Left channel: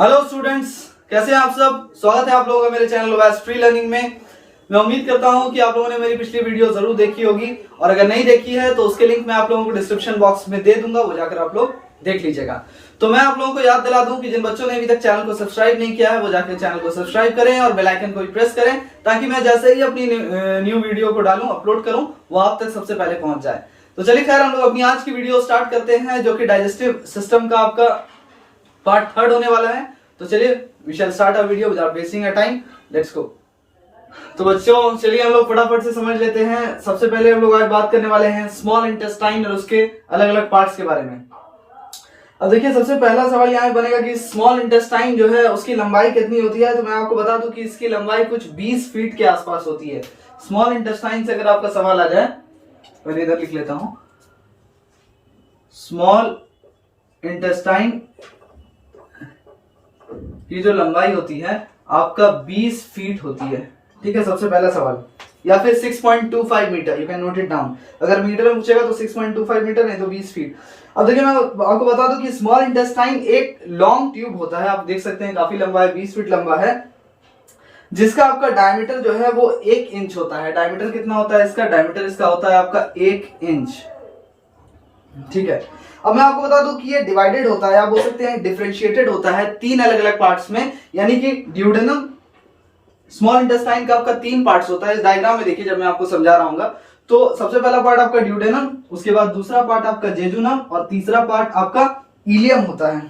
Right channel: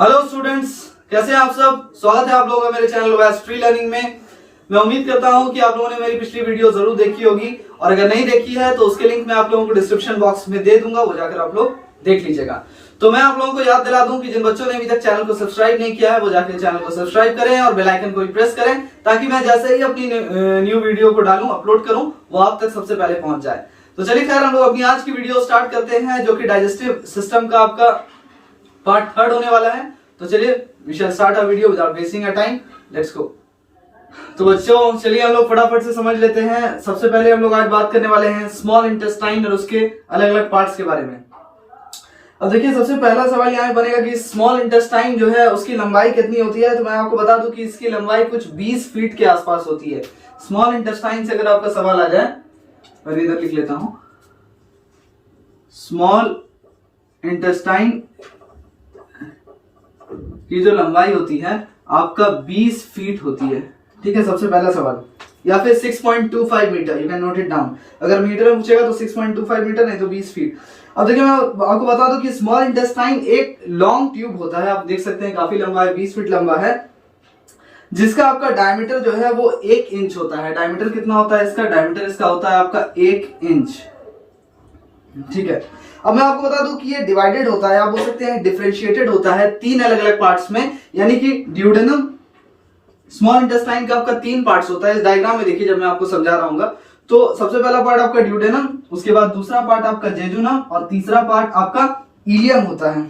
Hello students, कैसे हैं आप सब। स्वागत है आप लोगों का मेरे चैनल वेस्ट फ्री लर्निंग में। मैं उम्मीद करता हूं कि आप लोगों ने मेरी पिछली वीडियो जरूर देखी होगी और अगर नहीं देखी है तो उसके लिंक मैं आप लोगों को डिस्क्रिप्शन बॉक्स में दे दूंगा, वो जाकर आप लोग देख लीजिएगा। तो मैं आप लोगों को याद दिला दूं कि जिन बच्चों ने अभी तक चैनल को सब्सक्राइब नहीं किया है वो जाकर चैनल को सब्सक्राइब करें और बेल आइकन को भी प्रेस करें ताकि मैं जैसे ही अपनी न्यू वीडियो को डालूं, अपलोड करूं, वो आप तक सबसे पहले पहुंच जाए। तो चलिए खैर, हम लोग अपनी आज की वीडियो स्टार्ट करते हैं जो कि डाइजेस्टिव सिस्टम का आपका पार्ट 3 होने वाला है। तो चलिए, we shall start a video without wasting a time. Let's go. तो बच्चों चलिए हम लोग फटाफट से समझ लेते हैं। सबसे पहले हम लोग आज बात करने वाले हैं स्मॉल इंटेस्टाइन और उसके अलग अलग पार्ट्स के बारे में। अब देखिए, सबसे पहला सवाल यहाँ बनेगा कि स्मॉल इंटेस्टाइन जो है उसकी लंबाई कितनी होती है। तो मैं आपको बता दूं कि इसकी लंबाई कुछ 20 फीट के आसपास होती है। स्मॉल इंटेस्टाइन से अगर आपका सवाल आ जाए, पहले इधर लिख लेता हूं, स्मॉल इंटेस्टाइन की जो लंबाई होती है आपका 20 फीट होती है। ठीक है, सबसे पहला सवाल। या फिर 6.25 metre, you can note it down. अगर मीटर में पूछेगा तो 6.25 मीटर, नहीं तो 20 फीट। अब देखिए, मैं आपको बता दूं कि स्मॉल इंटेस्टाइन एक लॉन्ग ट्यूब होता है। आप देख सकते हैं काफी लंबा है, 20 फीट लंबा है, जिसका आपका डायमीटर जो है वो 1 इंच होता है। डायमीटर कितना होता है इसका? डायमीटर इसका होता है आपका 1 इंच। ठीक है, अब मैं आपको बता दूं कि ये डिवाइडेड होता है, आप बोल सकते हैं डिफरेंशिएटेड होता है 3 अलग अलग पार्ट्स में। यानी कि ड्यूडेनम, स्मॉल इंटेस्टाइन का आपका 3 पार्ट्स होता है। इस डायग्राम में देखिए, जब मैं आपको समझा रहा हूँ तो सबसे पहला पार्ट आपका ड्यूडेनम, उसके बाद दूसरा पार्ट आपका जेजुनम और तीसरा पार्ट आपका इलियम होता है।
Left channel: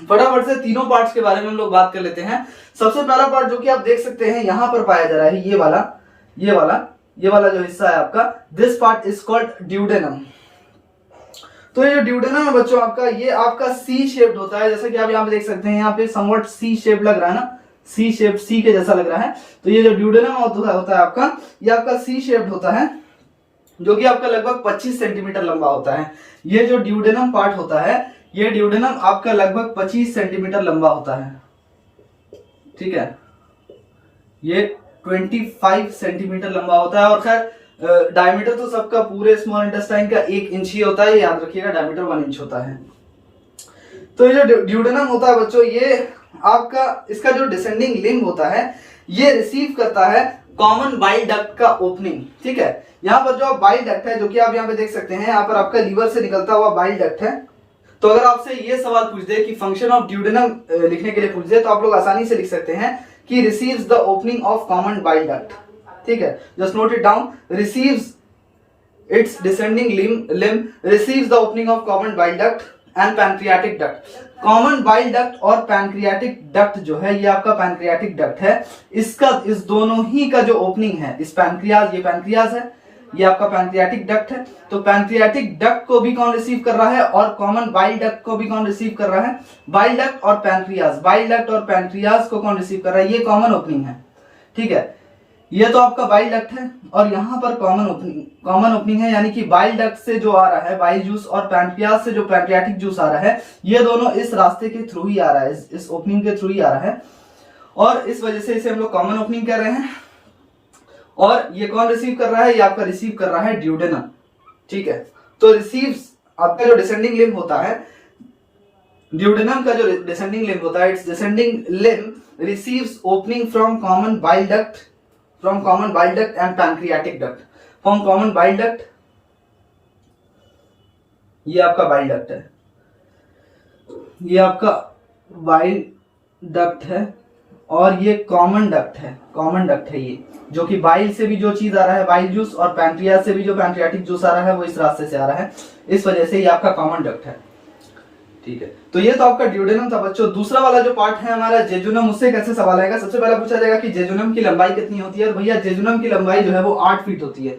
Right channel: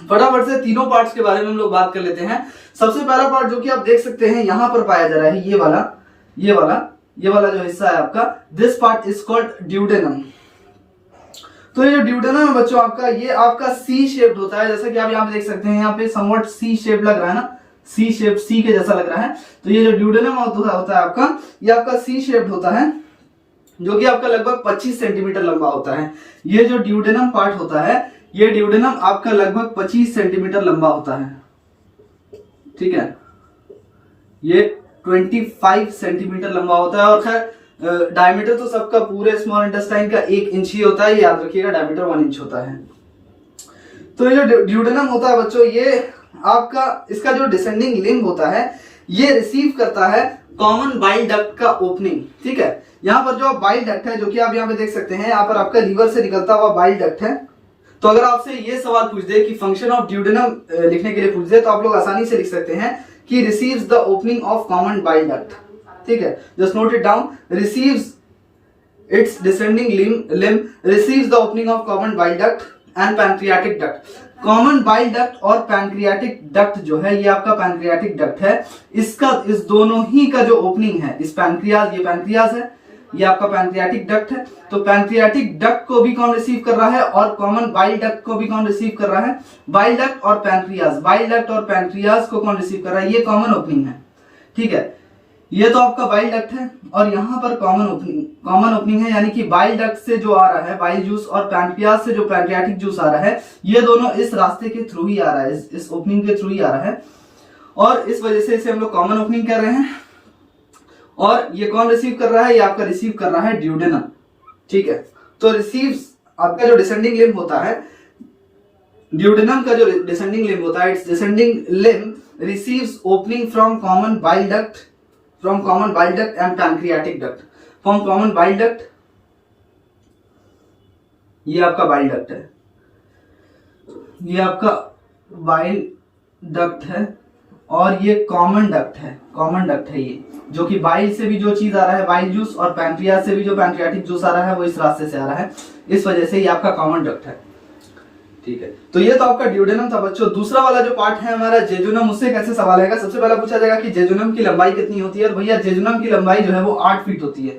फटाफट से तीनों पार्ट्स के बारे में हम लोग बात कर लेते हैं। सबसे पहला पार्ट जो कि आप देख सकते हैं यहां पर पाया जा रहा है, ये वाला जो हिस्सा है आपका, this part is called duodenum. तो ये जो ड्यूडेनम है बच्चों आपका, ये आपका सी शेप्ड होता है। जैसे कि आप यहाँ पे देख सकते हैं, यहाँ पे समवट सी शेप लग रहा है ना, सी शेप, सी के जैसा लग रहा है। तो ये जो ड्यूडेनम होता है आपका, ये आपका सी शेप्ड होता है, जो कि आपका लगभग 25 सेंटीमीटर लंबा होता है। ये जो ड्यूडेनम पार्ट होता है, ये ड्यूडेनम आपका लगभग 25 सेंटीमीटर लंबा होता है। ठीक है, ये 25 सेंटीमीटर लंबा होता है। और खैर डायमीटर तो सबका पूरे स्मॉल इंटेस्टाइन का 1 इंच ही होता है, याद रखिएगा, डायमीटर 1 इंच होता है। तो ये जो ड्यूडेनम होता है बच्चों, ये आपका, इसका जो डिसेंडिंग लिम्ब होता है, ये रिसीव करता है कॉमन बाइल डक्ट का ओपनिंग। ठीक है, यहाँ पर जो बाइल डक्ट है, जो कि आप यहाँ पे देख सकते हैं, यहाँ पर आपका लीवर से निकलता हुआ बाइल डक्ट है। तो अगर आपसे ये सवाल पूछ दे कि फंक्शन ऑफ ड्यूडेनम लिखने के लिए पूछ दे, तो आप लोग आसानी से लिख सकते हैं कि receives the opening of common bile duct. ठीक है, just note it down, receives it's descending limb receives the opening of common bile duct and pancreatic duct. Common bile duct और पैंक्रियाटिक डक्ट जो है, ये आपका पैंक्रियाटिक डक्ट है। इसका, इस दोनों ही का जो ओपनिंग है, इस पैंक्रियाज, ये पैंक्रियाज है, ये आपका पैंक्रियाटिक डक्ट है। तो पैंक्रियाटिक डक्ट को भी कौन रिसीव कर रहा है और कॉमन बाइल डक्ट को भी कौन रिसीव कर रहा है? बाइल डक्ट और पैंक्रियाज। बाइल डक्ट और पैंक्रियाज को कौन रिसीव कर रहा है? ये कॉमन ओपनिंग है। ठीक है, ये तो आपका बाइल डक्ट है और यहां पर कॉमन ओपनिंग है, यानी कि बाइल डक्ट से जो आ रहा है बाइल जूस और पैंक्रियाज से जो पैंक्रियाटिक जूस आ रहा है, ये दोनों इस रास्ते के थ्रू ही आ रहा है, इस ओपनिंग के थ्रू ही आ रहा है, और इस वजह से इसे हम लोग कॉमन ओपनिंग कर रहे हैं। और ये कौन रिसीव कर रहा है? ये आपका रिसीव कर रहा है ड्यूडेनम। ठीक है, तो रिसीव्स, आपका जो डिसेंडिंग लिम्ब होता है, ड्यूडेनम का जो डिसेंडिंग लिम्ब होता है, it's descending limb receives opening from common bile duct and pancreatic duct. From common bile duct, ये आपका बाइल डक्ट है, ये आपका बाइल डक्ट है, और ये कॉमन डक्ट है, ये जो कि बाइल से भी जो चीज आ रहा है, बाइल जूस, और पैंक्रियाज से भी जो पैंक्रियाटिक जूस आ रहा है, वो इस रास्ते से आ रहा है, इस वजह से ये आपका कॉमन डक्ट है। ठीक है, तो ये तो आपका ड्यूडेनम था बच्चों। दूसरा वाला जो पार्ट है हमारा जेजुनम, उससे कैसे सवाल आएगा? सबसे पहला पूछा जाएगा कि जेजुनम की लंबाई कितनी होती है। भैया, जेजुनम की लंबाई जो है वो 8 फीट होती है।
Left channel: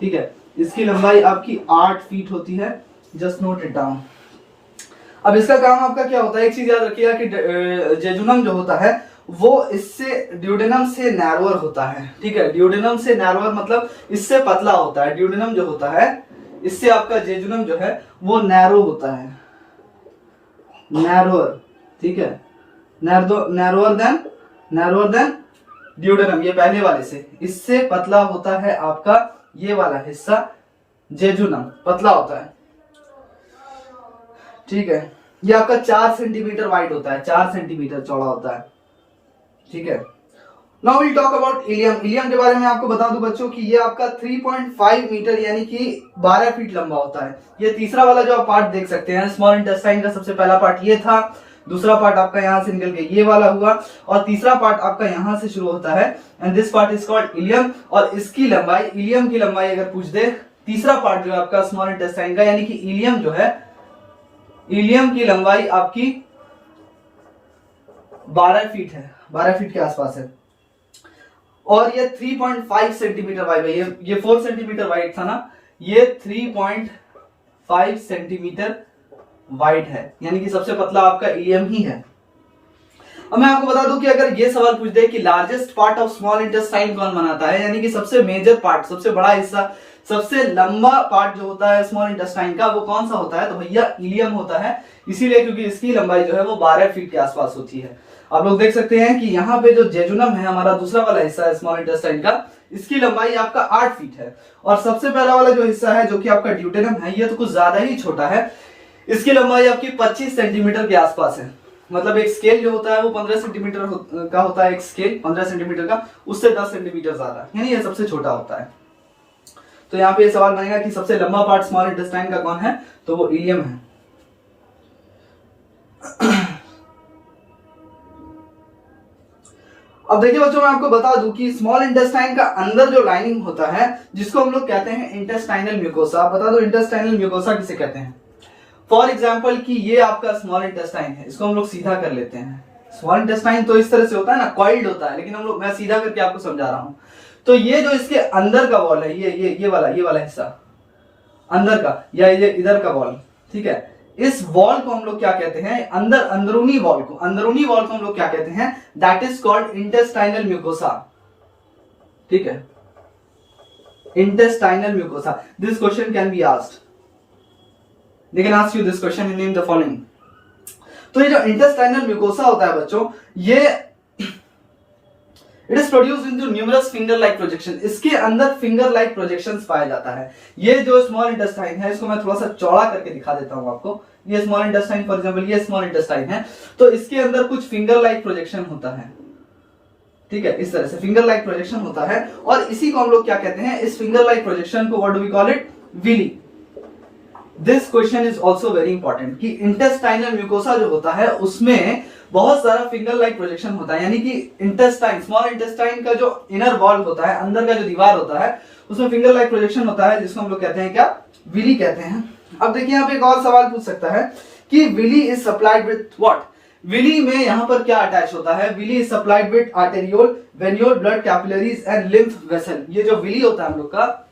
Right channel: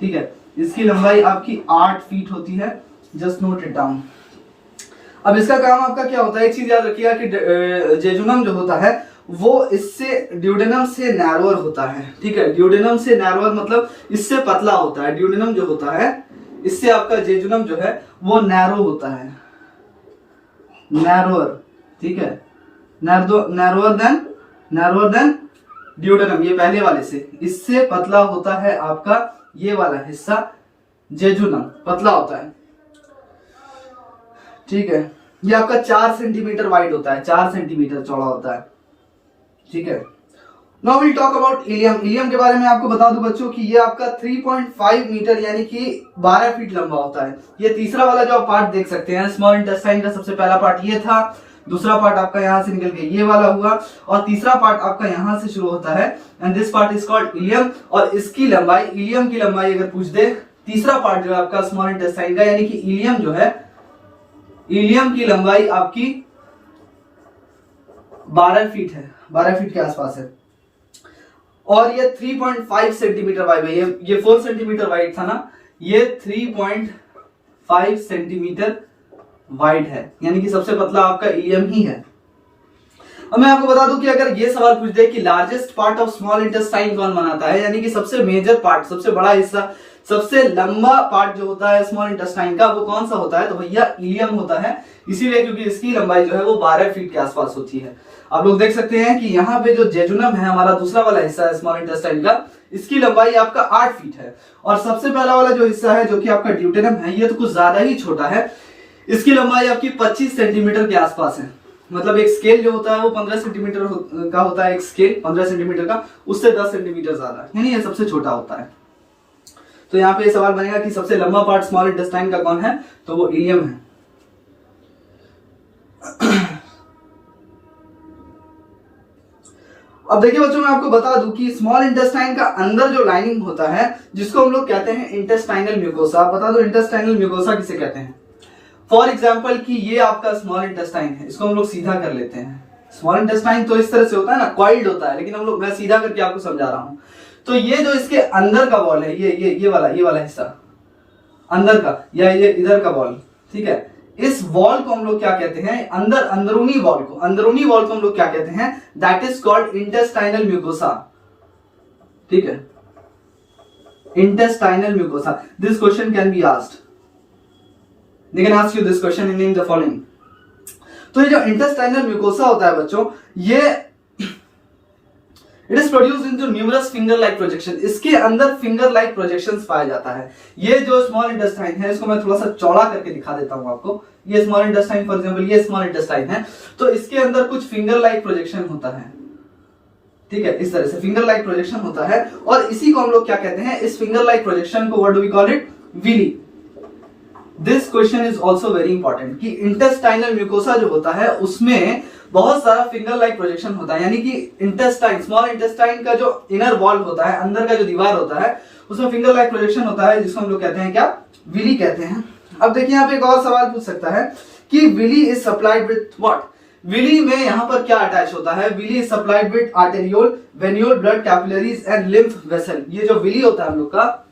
ठीक है, इसकी लंबाई आपकी 8 फीट होती है, जस्ट नोट इट डाउन। अब इसका काम आपका क्या होता है? एक चीज याद रखिएगा कि जेजुनम जो होता है वो इससे, ड्यूडेनम से नैरोअर होता है। ठीक है, ड्यूडेनम से नैरोअर मतलब इससे पतला होता है। ड्यूडेनम जो होता है, इससे आपका जेजुनम जो है वो नैरो होता है, नैरोअर। ठीक है, नैरोअर देन ड्यूडेनम, ये पहले वाले से, इससे पतला होता है आपका ये वाला हिस्सा, जेजुनम पतला होता है। ठीक है, ये आपका 4 सेंटीमीटर वाइड होता है, 4 सेंटीमीटर चौड़ा होता है, ठीक है। Now will talk about ileum. Ileum के बारे में आपको बता दूं बच्चों कि ये आपका 3.5 मीटर यानी कि 12 फीट लंबा होता है। ये तीसरा वाला जो आप पार्ट देख सकते हैं, स्मॉल इंटेस्टाइन का सबसे पहला पार्ट ये था, दूसरा पार्ट आपका यहां से निकल के ये वाला हुआ, और तीसरा पार्ट आपका यहां से शुरू होता है, and this part is called ileum. और इसकी लंबाई, इलियम की लंबाई अगर पूछ दे, तीसरा पार्ट जो है आपका स्मॉल इंटेस्टाइन का यानी कि इलियम जो है, इलियम की लंबाई आपकी 12 फीट है, 12 फीट के आसपास है, और ये 3.5 सेंटीमीटर वाइड है। ये 4 सेंटीमीटर वाइड था ना, ये 3.5 सेंटीमीटर वाइड है, यानी कि सबसे पतला आपका इलियम ही है। अब मैं आपको बता दूं कि अगर ये सवाल पूछ दे कि largest part of small intestine कौन बनाता है, यानी कि सबसे मेजर पार्ट, सबसे बड़ा हिस्सा, सबसे लंबा पार्ट जो होता है स्मॉल इंटेस्टाइन का, वो कौन सा होता है, तो भैया इलियम होता है। इसीलिए क्योंकि इसकी लंबाई जो है वो 12 फीट के आसपास होती है। आप लोग देख सकते हैं कि यहाँ पे जो जेजुनम है, हमारा दूसरा वाला हिस्सा है स्मॉल इंटेस्टाइन का, इसकी लंबाई आपका 8 फीट है। और सबसे पहला वाला जो हिस्सा है जो कि आपका ड्यूटेनम है, ये तो कुछ ज्यादा ही छोटा है, इसकी लंबाई आपकी 25 सेंटीमीटर के आसपास है। मतलब एक स्केल जो होता है वो 15 सेंटीमीटर का होता है, एक स्केल 15 सेंटीमीटर का, उससे 10 सेंटीमीटर ज्यादा, यानी ये सबसे छोटा होता है। तो यहाँ पे सवाल बनेगा कि सबसे लंबा पार्ट स्मॉल इंटेस्टाइन का कौन है, तो वो इलियम है। अब देखिए बच्चों, मैं आपको बता दूं कि स्मॉल इंटेस्टाइन का अंदर जो लाइनिंग होता है, जिसको हम लोग कहते हैं इंटेस्टाइनल म्यूकोसा। आप बता दो इंटेस्टाइनल म्यूकोसा किसे कहते हैं। फॉर एग्जाम्पल कि ये आपका स्मॉल इंटेस्टाइन है, इसको हम लोग सीधा कर लेते हैं। स्मॉल इंटेस्टाइन तो इस तरह से होता है ना, कॉइल्ड होता है, लेकिन हम लोग, मैं सीधा करके आपको समझा रहा हूं। तो ये जो इसके अंदर का वॉल है, ये वाला हिस्सा अंदर का, या ये इधर का वॉल, ठीक है, इस वॉल को हम लोग क्या कहते हैं, अंदरूनी वॉल को हम लोग क्या कहते हैं, that is called intestinal mucosa, ठीक है, intestinal mucosa. This question can be asked, they can ask you this question in name the following। तो ये जो इंटेस्टाइनल म्यूकोसा होता है बच्चों, ये it is produced into numerous finger like projection. इसके अंदर फिंगर लाइक प्रोजेक्शंस पाया जाता है। ये जो स्मॉल इंटेस्टाइन है, इसको मैं थोड़ा सा चौड़ा करके दिखा देता हूं आपको। ये स्मॉल इंटेस्टाइन, फॉर एग्जांपल ये स्मॉल इंटेस्टाइन है, तो इसके अंदर कुछ फिंगर लाइक प्रोजेक्शन होता है, ठीक है, इस तरह से फिंगर लाइक प्रोजेक्शन होता है, और इसी को हम लोग क्या कहते हैं, इस फिंगर लाइक प्रोजेक्शन को what do we call it, villi. This question is also very important कि इंटेस्टाइनल म्यूकोसा जो होता है उसमें बहुत सारा फिंगर लाइक प्रोजेक्शन होता है, यानी कि इंटेस्टाइन, स्मॉल इंटेस्टाइन का जो इनर वॉल होता है, अंदर का जो दीवार होता है, उसमें फिंगर लाइक प्रोजेक्शन होता है, जिसको हम लोग कहते हैं क्या, विली कहते हैं। अब देखिए यहाँ पे एक और सवाल पूछ सकता है कि villi is supplied with what. Villi में यहाँ पर क्या अटैच होता है, villi is supplied with arteriole, venule blood capillaries and lymph vessel. ये जो विली होता है हम लोग का,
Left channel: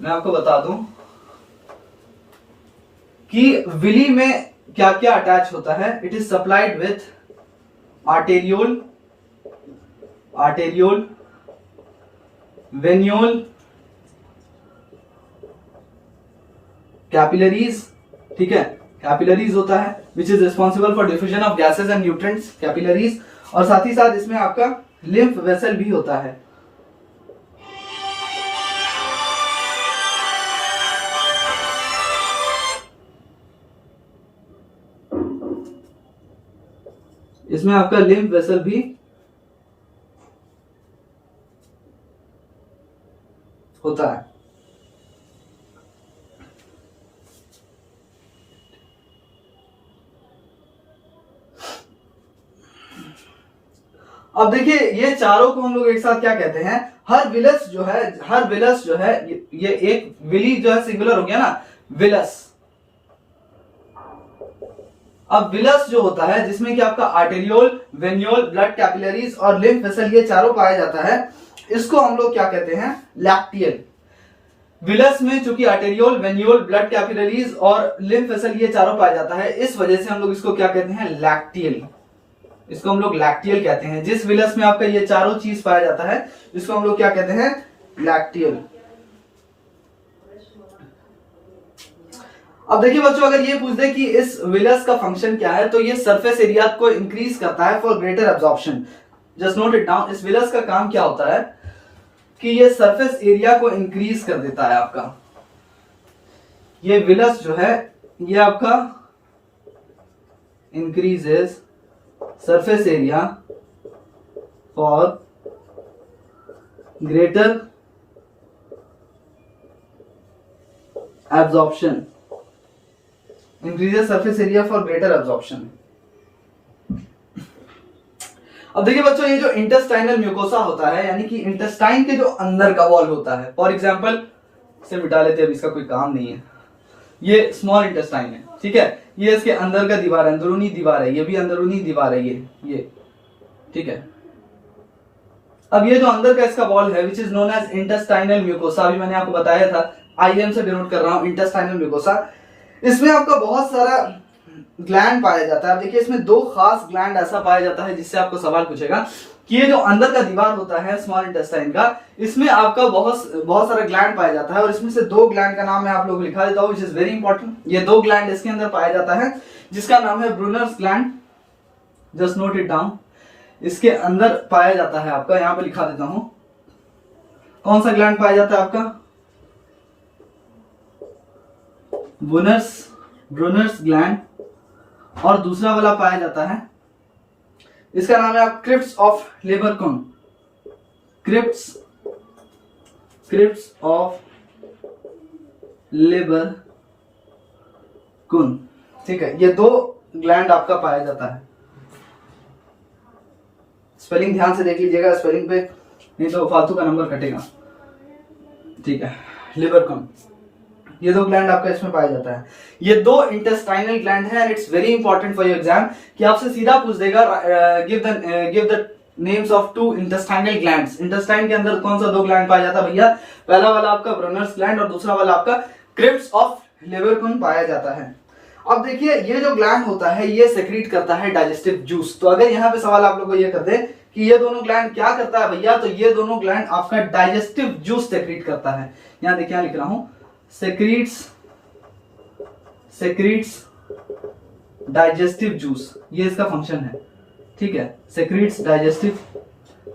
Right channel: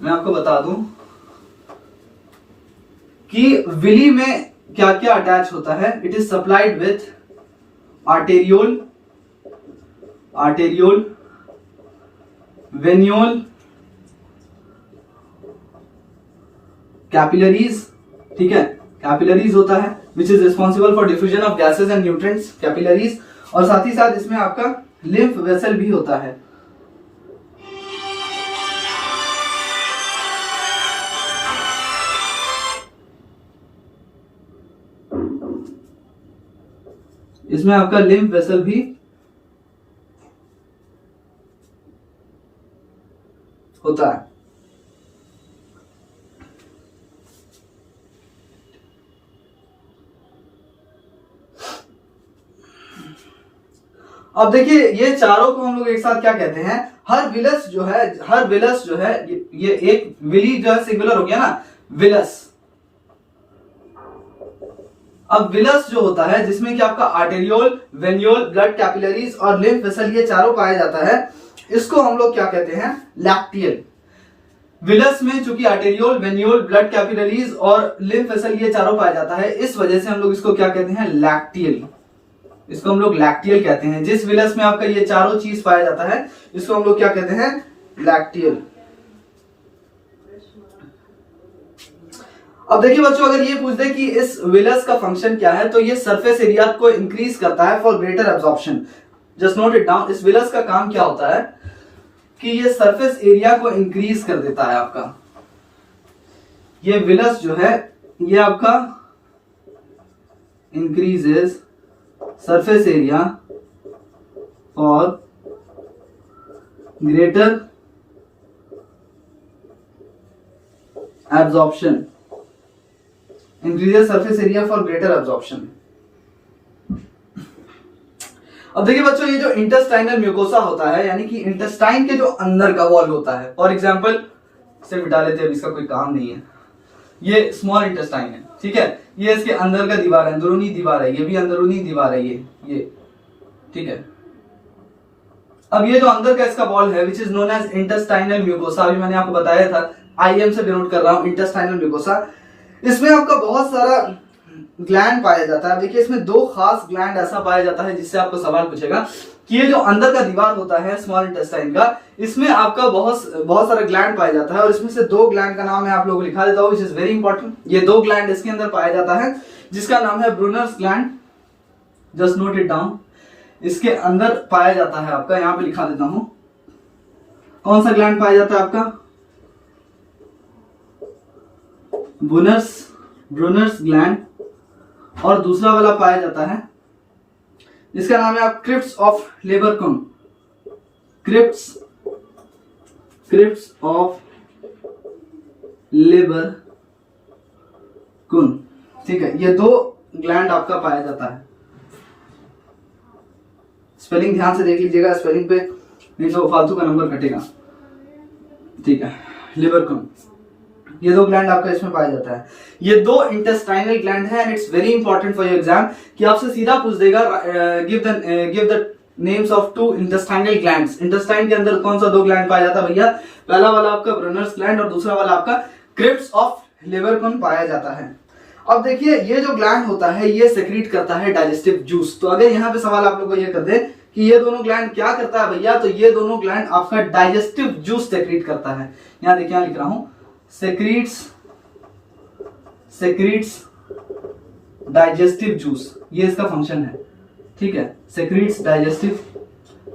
मैं आपको बता दूं कि विली में क्या क्या अटैच होता है। It is supplied with arteriole, venule, capillaries, ठीक है, कैपिलरीज होता है which is responsible for diffusion of gases and nutrients, capillaries, और साथ ही साथ इसमें आपका लिम्फ वेसल भी होता है। इसमें आपका लिम्फ वेसल भी होता है। अब देखिए ये चारों को हम लोग एक साथ क्या कहते हैं, हर विलस जो है, ये एक विली जो है सिंगुलर हो गया ना, विलस। अब विलस जो होता है जिसमें कि आपका आर्टेरियोल, वेनियोल, ब्लड कैपिलरीज और लिम्फ वेसल, ये चारों पाया जाता है, इसको हम लोग क्या कहते हैं, लैक्टियल। विलस में चूंकि आर्टेरियोल, वेनियोल, ब्लड कैपिलरीज और लिम्फ वेसल ये चारों पाया जाता है, इस वजह से हम लोग इसको क्या कहते हैं, लैक्टियल। इसको हम लोग लैक्टियल कहते हैं। जिस विलस में आपका ये चारों चीज पाया जाता है, इसको हम लोग क्या कहते हैं, लैक्टियल। अब देखिए बच्चों, अगर ये पूछ दे कि इस विलस का फंक्शन क्या है, तो ये सरफेस एरिया को इंक्रीज करता है for greater absorption. Just note it down. इस विलस का काम क्या होता है कि ये सरफेस एरिया को इंक्रीज कर देता है आपका। ये विलस जो है ये आपका increases surface area for greater absorption. Increases surface area for greater absorption. अब देखिए बच्चों, ये जो इंटेस्टाइनल म्यूकोसा होता है, यानी कि इंटेस्टाइन के जो अंदर का वॉल होता है, फॉर एग्जांपल इसे मिटा लेते हैं, अब इसका कोई काम नहीं है। ये स्मॉल इंटेस्टाइन है, ठीक है, ये इसके अंदर का दीवार है, अंदरूनी दीवार है, ये भी अंदरूनी दीवार है, ये ठीक है। अब ये जो अंदर का इसका वॉल है which is known as intestinal mucosa, अभी मैंने आपको बताया था, आईएम से डिनोट कर रहा हूं इंटेस्टाइनल म्यूकोसा। इसमें आपका बहुत सारा ग्लैंड पाया जाता है। देखिए इसमें दो खास ग्लैंड ऐसा पाया जाता है जिससे आपको सवाल पूछेगा कि ये जो अंदर का दीवार होता है स्मॉल इंटेस्टाइन का, इसमें आपका बहुत सारा ग्लैंड पाया जाता है, और इसमें से दो ग्लैंड का नाम मैं आप लोगों को लिखा देता हूं, विच इज वेरी इंपॉर्टेंट। ये दो ग्लैंड इसके अंदर पाया जाता है जिसका नाम है Brunner's gland, just note it down. इसके अंदर पाया जाता है आपका, यहां पे लिखा देता हूं, कौन सा ग्लैंड पाया जाता है आपका, ब्रूनर्स ग्लैंड, और दूसरा वाला पाया जाता है, इसका नाम है आप क्रिप्ट्स ऑफ लेबरकुन, क्रिप्ट्स ऑफ लेबरकुन, ठीक है। ये दो ग्लैंड आपका पाया जाता है। स्पेलिंग ध्यान से देख लीजिएगा, स्पेलिंग पे नहीं तो फालतू का नंबर कटेगा, ठीक है। लिबरकम, ये दो ग्लैंड आपका इसमें पाया जाता है। ये दो इंटेस्टाइनल ग्लैंड है, and it's very important for your exam कि आपसे सीधा पूछ देगा give the names of two intestinal glands. Intestine के अंदर कौन सा दो ग्लैंड पाया जाता है भैया, पहला वाला आपका ब्रूनर्स ग्लैंड और दूसरा वाला आपका क्रिप्ट्स ऑफ लिबरकुन पाया जाता है। अब देखिए ये जो ग्लैंड होता है ये सेक्रीट करता है डाइजेस्टिव जूस। तो अगर यहाँ पे सवाल आप लोग को ये कर दे कि ये दोनों ग्लैंड क्या करता है भैया, तो ये दोनों ग्लैंड आपका डाइजेस्टिव जूस सेक्रीट करता है। यहाँ देखिए यहाँ लिख रहा हूं, सेक्रीट्स डाइजेस्टिव जूस, ये इसका फंक्शन है, ठीक है। सेक्रीट्स डाइजेस्टिव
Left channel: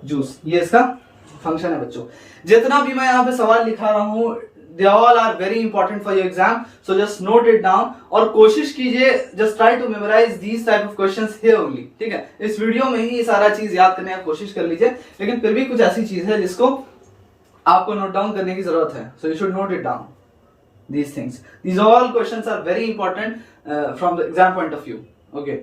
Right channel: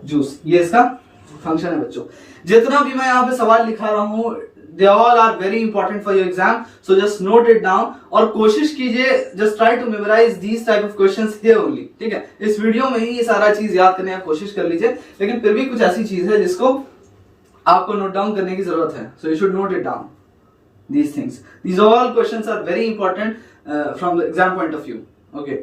जूस, ये इसका फंक्शन है बच्चों। जितना भी मैं यहाँ पे सवाल लिखा रहा हूं, they all are very important for your exam, so just note it down और कोशिश कीजिए, just try to memorize these type of questions here only, ठीक है। इस वीडियो में ही ये सारा चीज याद करने की कोशिश कर लीजिए, लेकिन फिर भी कुछ ऐसी चीज है जिसको आपको नोट डाउन करने की जरूरत है, so you should note it down these things. These all questions are very important from the exam point of view, okay।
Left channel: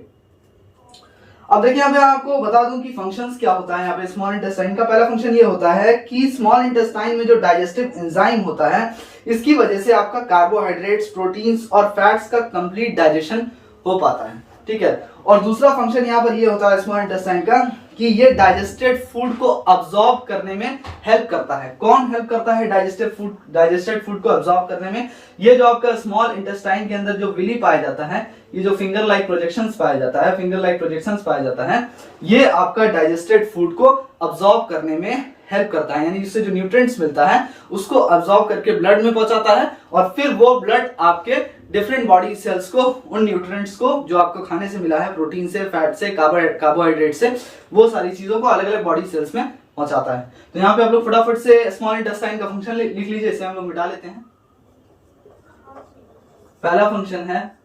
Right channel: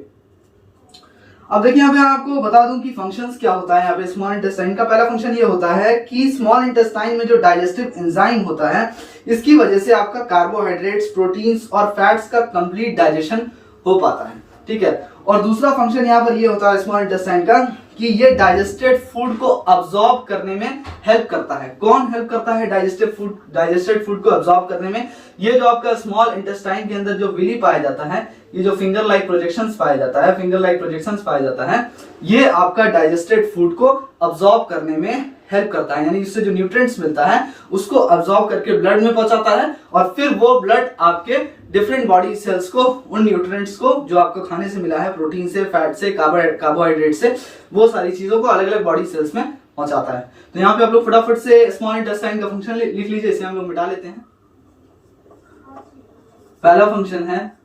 अब देखिए यहाँ पे आपको बता दूं कि फंक्शंस क्या होता है यहाँ पे स्मॉल इंटेस्टाइन का। पहला फंक्शन ये होता है कि स्मॉल इंटेस्टाइन में जो डाइजेस्टिव एंजाइम होता है, इसकी वजह से आपका कार्बोहाइड्रेट्स, प्रोटीन्स और फैट्स का कंप्लीट डाइजेशन हो पाता है, ठीक है। और दूसरा फंक्शन यहाँ पर ये होता है स्मॉल इंटेस्टाइन का कि ये डाइजेस्टेड फूड को अब्सॉर्ब करने में हेल्प करता है। कौन हेल्प करता है डाइजेस्टेड फूड को अब्सॉर्ब करने में? ये जो आपका स्मॉल इंटेस्टाइन के अंदर जो विली पाया जाता है, ये जो फिंगर लाइक प्रोजेक्शंस पाया जाता है, ये आपका डाइजेस्टेड फूड को अब्सॉर्ब करने में हेल्प करता है, यानी इससे जो न्यूट्रिएंट्स मिलता है उसको अब्सॉर्ब करके ब्लड में पहुंचाता है, और फिर वो ब्लड आपके डिफरेंट बॉडी सेल्स को उन न्यूट्रिएंट्स को जो आपको खाने से मिला है, प्रोटीन से, फैट से, कार्बोहाइड्रेट से, वो सारी चीजों को अलग अलग बॉडी सेल्स में पहुंचाता है। तो यहाँ पे आप लोग फटाफट से स्मॉल इंटेस्टाइन का फंक्शन लिख लीजिए, इसे हम लोग मिटा लेते हैं। पहला फंक्शन है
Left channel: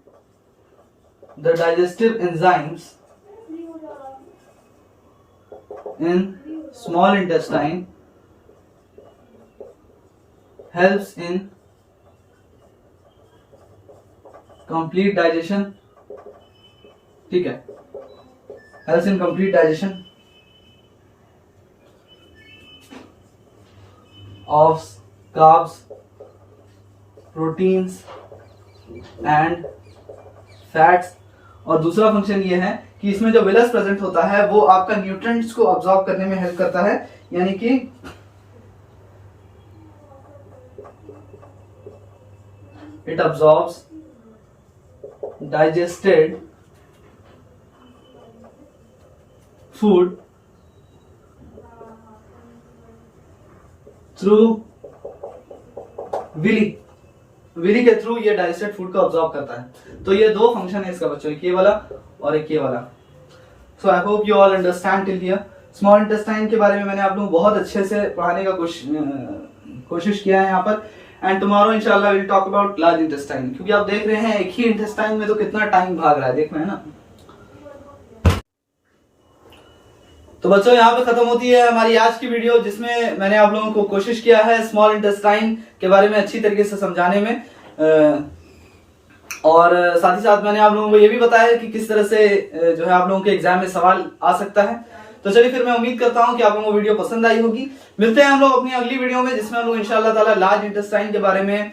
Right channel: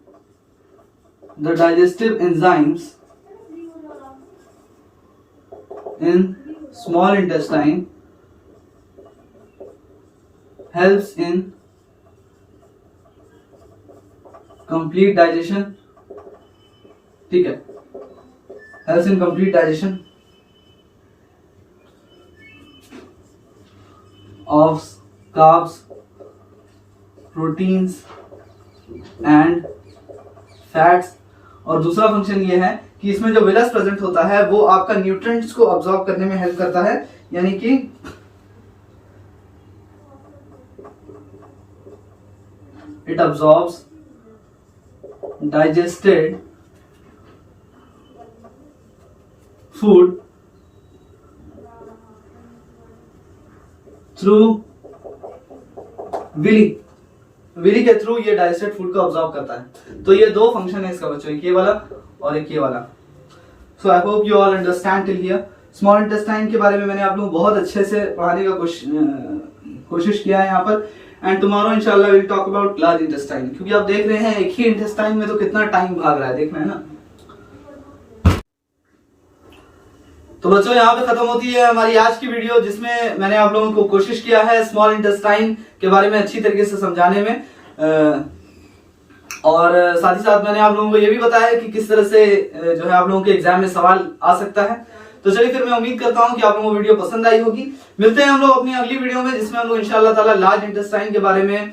the digestive enzymes in small intestine helps in complete digestion, ठीक है, helps in complete digestion of carbs, proteins and fats। और दूसरा फंक्शन ये है कि इसमें जो विलस प्रेजेंट होता है वो आपका न्यूट्रिएंट्स को अब्सॉर्ब करने में हेल्प करता है, यानी कि it absorbs digested food through villi के थ्रू ये डाइजेस्टेड फूड को अब्सॉर्ब करता है। तो ये दो फंक्शन है इसका बच्चों, एक ये वाला और एक ये वाला। So I hope you all understand till here. Small intestine के बारे में मैंने आप लोगों को बहुत अच्छे से पढ़ाने का कोशिश किया है यहाँ पर, एंड टुमारो इंशाल्लाह will talk about large intestine, क्योंकि आप देख रहे हैं एक ही इंटेस्टाइन में तो कितना टाइम भाग रहा है, देख रहे हैं ना। तो बच्चों यहाँ पे खत्म होती है हमारी आज की वीडियो, जिसमें मैंने आप लोगों को कोशिश किया है स्मॉल इंटेस्टाइन के बारे में अच्छी तरीके से समझाने में, और साथ ही साथ मैंने आप लोगों को ये भी बताया कि किस तरह से जो है आप लोगों के एग्जाम में सवाल आ सकता है। तो चलिए फिर मैं उम्मीद करता हूँ कि आप लोगों को वीडियो पसंद आई होगी। मिलते हैं हम लोग अपनी अगली वीडियो में, जिसमें हम लोग इंशाल्लाह ताला लार्ज इंटेस्टाइन के बारे में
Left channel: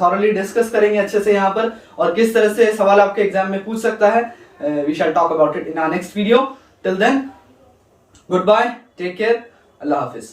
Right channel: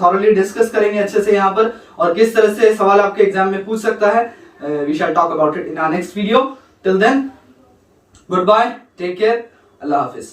थॉरली डिस्कस करेंगे अच्छे से यहाँ पर, और किस तरह से सवाल आपके एग्जाम में पूछ सकता है। We shall talk about it in our next video. Till then, goodbye, take care, अल्लाह हाफिज।